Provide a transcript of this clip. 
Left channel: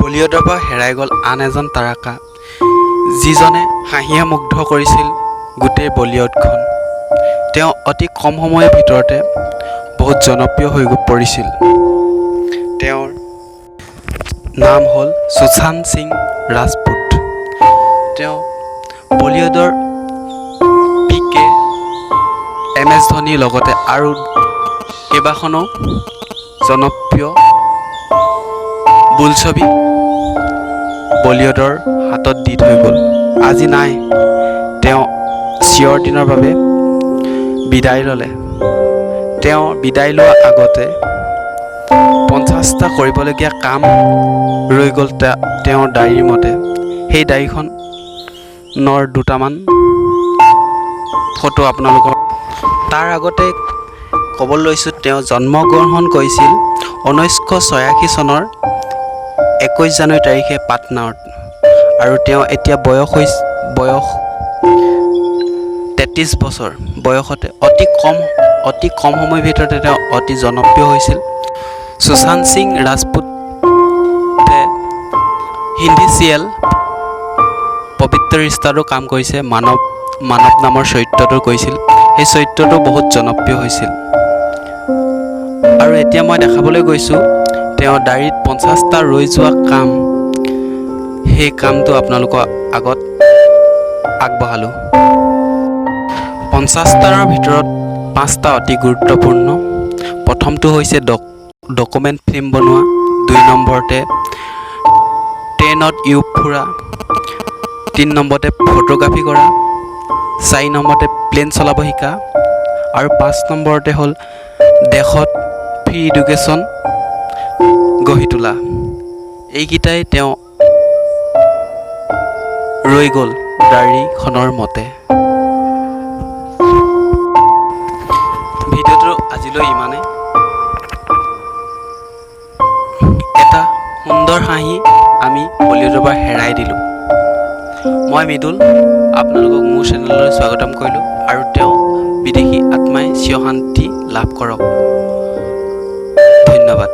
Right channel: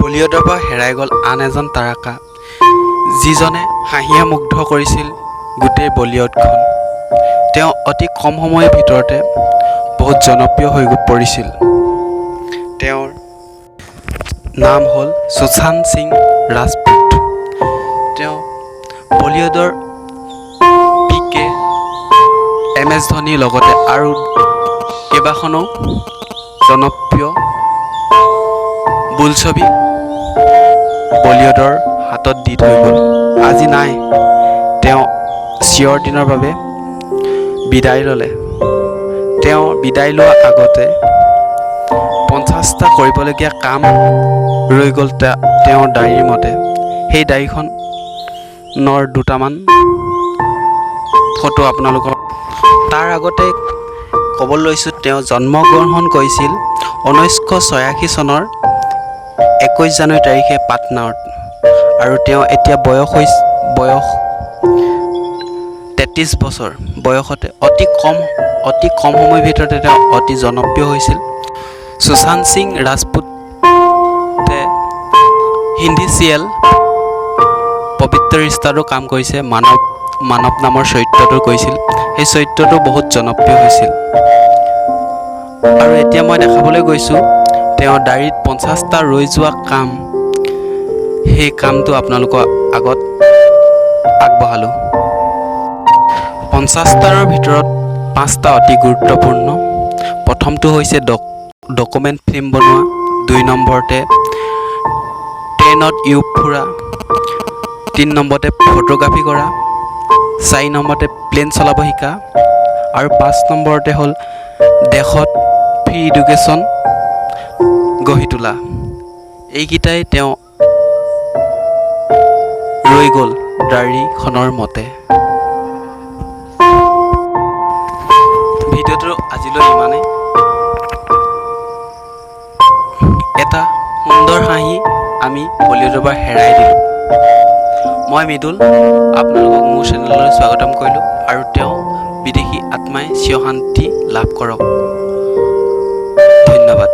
বলিউডৰ পৰা হেৰাই গ'ল আন এজন তাৰকা, যিজনে হাঁহিয়ে মুগ্ধ কৰিছিল গোটেই বলিউডখন। তেওঁ অতি কম সময়ৰ ভিতৰতে বহুত জনপ্ৰিয় হৈ পৰিছিল। তেওঁৰ নাম হ'ল সুশান্ত সিং ৰাজপুত। তেওঁ বলিউডৰ পিকে MS ধোনীৰ লগতে আৰু কেইবাখনো জনপ্ৰিয় বোলছবি বলিউডৰ হাতত দি থৈ গ'ল। আজি নাই, তেওঁ চিৰ দিনৰ বাবে বিদায় ল'লে। তেওঁ বিদায় লোৱাৰ আগতে 50টা কৰিবলগীয়া কাম ৰৈ গ'ল তেওঁৰ ডায়েৰীৰ মতে। সেই ডায়েৰীখনৰ দুটামান ফটো আপোনালোকক। তাৰ আগতে ক'ব লৈছোঁ, তেওঁ জন্মগ্ৰহণ কৰিছিল 1986 চনৰ 21 জানুৱাৰী তাৰিখে পাটনাত, আৰু তেওঁ এতিয়া বয়স 33 বছৰ বয়সতে অতি কম সময়ৰ ভিতৰতে তেওঁ অতি জনপ্ৰিয় হৈছিল। সুশান্ত সিং ৰাজপুতে হিন্দী চিৰিয়েল পবিত্ৰ ৰিষ্টাতো কাম কৰিছে। মানৱ নামৰ চৰিত্ৰটো কৰিছিল। সেই চৰিত্ৰটো বহুত জনপ্ৰিয় হৈছিল। আৰু এতিয়া মই দেখাবলৈ গৈছোঁ তেওঁৰ ডায়েৰীত 50টা ৰৈ যোৱা কাম। সেই কামটো আপোনালোকৰ আগত আগবঢ়ালোঁ। 50টাৰ ভিতৰত 5টা অতি গুৰুত্বপূৰ্ণ। প্ৰথমটো হৈছে ডকুমেণ্ট ফিল্ম বনোৱা, 2 নম্বৰতে ট্ৰেইনত ফুৰা, 3 নম্বৰতে ফটোগ্ৰাফী কৰা, 4 নম্বৰতে প্লেন চলাব শিকা, আৰু 5 নম্বৰতে হ'ল দেশত ফ্ৰী এডুকেশ্যন গঢ়ি তোলা। এইকেইটাই তেওঁ ৰৈ গ'ল ডায়েৰীখনৰ মতে। ভিডিঅ'টো আজিলৈ ইমানেই। এটা সুন্দৰ হাঁহি আমি বলিউডৰ পৰা হেৰাই দিলোঁ। মই মৃদুল আপোনালোকক মোৰ চেনেললৈ স্বাগতম কৰিলোঁ, আৰু তেওঁ বিদেশী আত্মাই চিৰ শান্তি লাভ কৰক। ধন্যবাদ।